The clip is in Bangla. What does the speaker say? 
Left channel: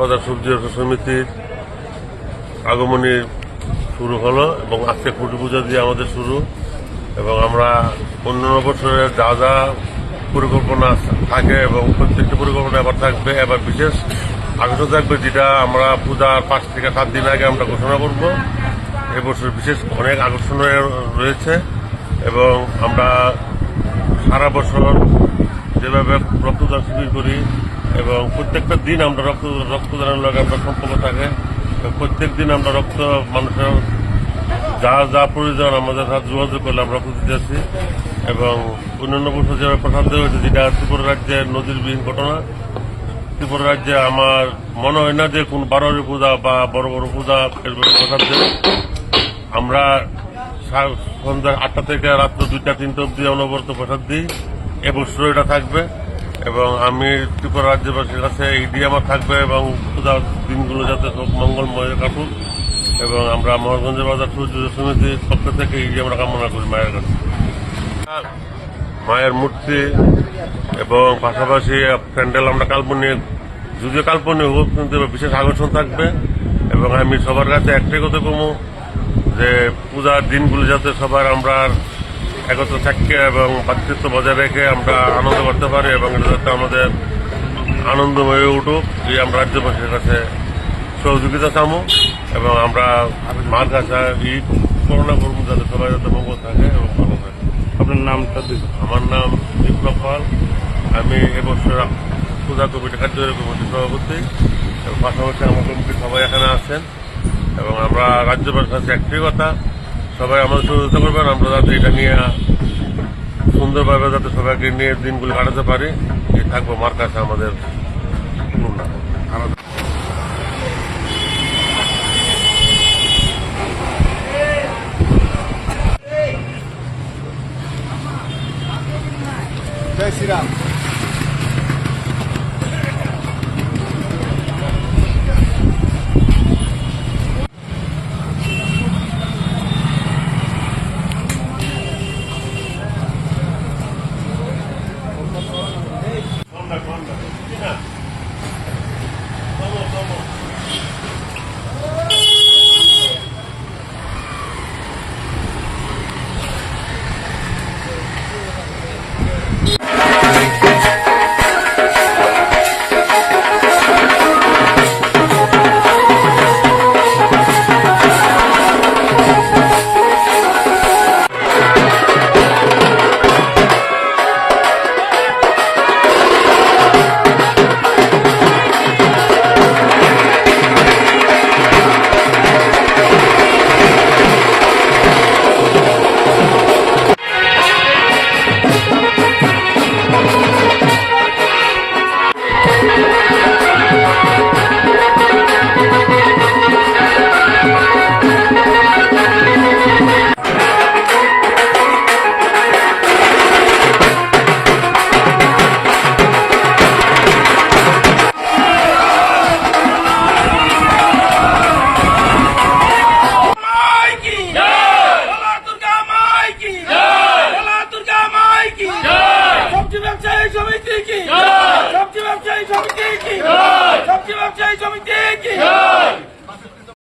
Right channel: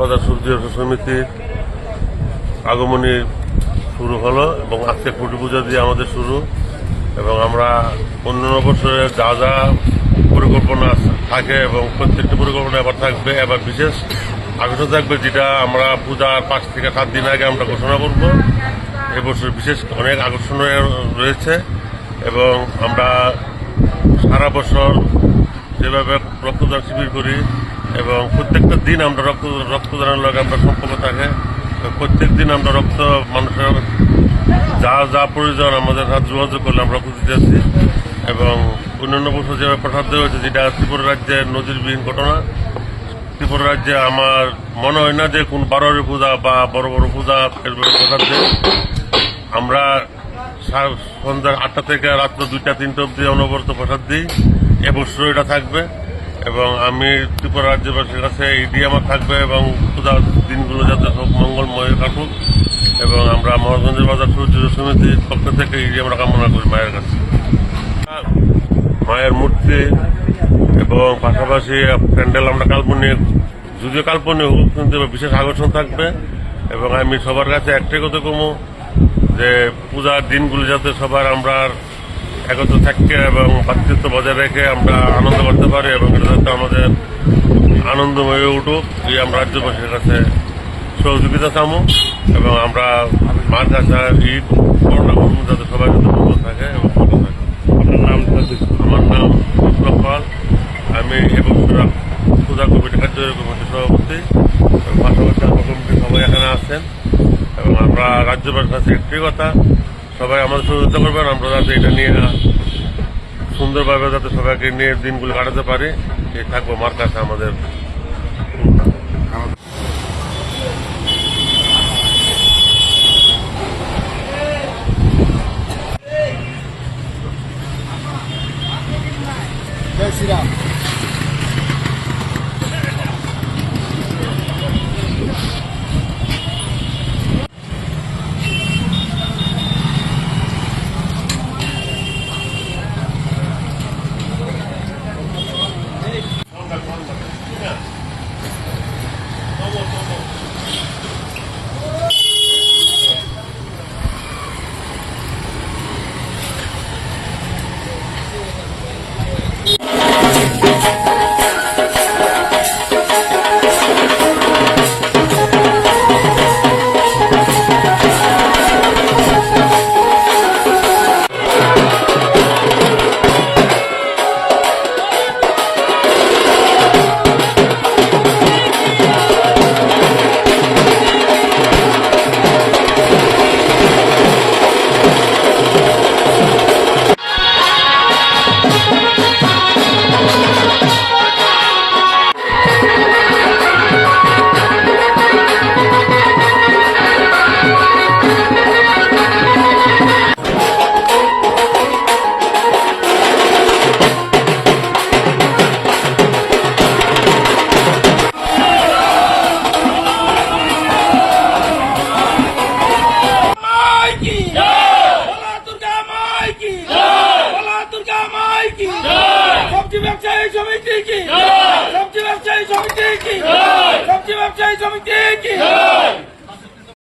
বাজার সবজি সমিতির আগমনী শুরু হলো এবং আজকে খুঁটি পূজা দিয়ে আমাদের শুরু। এবং আমরা অন্যান্য বছরে যা যা পরিকল্পনা থাকে এবং প্রত্যেকটি পরিকল্পনা এবার থাকবে, এবার বিশেষ আকর্ষণ থাকবে যেটা আমরা পূজার 5 থেকে 7 দিন আগে আমরা ঘোষণা করব। এবছর বিশেষ অনেক আকর্ষণ রয়েছে এবং আমরা সারা বছর যেভাবে রক্তদান শিবির করি এবং প্রত্যেকটা দিন আমরা রক্তদানের লগে আমরা সম্পর্ক থাকে। প্রত্যেক দিন আমরা মানুষের যা যা প্রয়োজন আমাদের সাথে যোগাযোগ করলে আমরা রক্ত দিতে আসছি। এবং অন্যান্য বছর যেভাবে প্রসাদ দেওয়া হয়েছে, যেটা ত্রিপুরা রাজ্যের নজিরবিহীন ঘটনা। ত্রিপুরা রাজ্যে আমার মনে হয় না যে কোন বারোয়ারি পূজা বা বড় বড় পূজা প্রসাদ দেয়। আমরা সন্ধ্যা 8টা থেকে রাত্র 2টা-3টা অব্দি অনবরত প্রসাদ দিই। এবছর এটা থাকবে এবং আমি ত্রিপুরা রাজ্যবাসীর কাছে এই আমার থাকবে এবং পূজার দিনগুলো যাতে সব মঙ্গলময় কাটুক। এবং আমরা মহারাজগঞ্জের বাজার সূর্য সমিতির পক্ষ থেকে এই আমরা কামনা করি মায়ের কাছে। মায়ের মূর্তি এবং পাশাপাশি প্যান্ডেল আমরা কাল্পনিক, যদিও কাল্পনিক হোক কিন্তু বিশেষ আকর্ষণ থাকবে। এবং আমি সবার কাছে একটাই কথা কমু যে পূজার দিনগুলো যাতে সবার আমরা একত্র থাকতে এবং ভাতৃত্ব বজায় রেখে আমরা আনন্দ করতে পারি এবং এটা যাতে আমাদের আনন্দময় উঠুক, এই আমরা রাজ্যবাসীর কাছে সহযোগিতা চামু। এবং আমরা মার কাছে ঈদ করোনা করবো যাতে সবাই যাতে ভালো থাকে এবং ভালো থাকে। আপনার নামটা? আমার নাম বিপ্লব পাল। আমি এবছর পূজা কমিটি কার্যকরী কমিটির সভাপতি এবং পাশাপাশি আমার কমিটি সবাই এখানে আছেন। এবং আমরা রাজ্যবাসীর কাছে একটাই কথা, সবাই আমাদের সহযোগিতা করবেন, আমরা যাতে এটা নিয়ে সুন্দরভাবে যাতে সবাইকে নিয়ে দিনগুলো কাটাতে পারি, এই থাকবো মার কাছে আমাদের। জয় শ্রীরাম। সবজি ব্যবসায়ী সমিতি কি? সবজি ব্যবসায়ী সমিতি কি? সবজি ব্যবসায়ী সমিতি কি?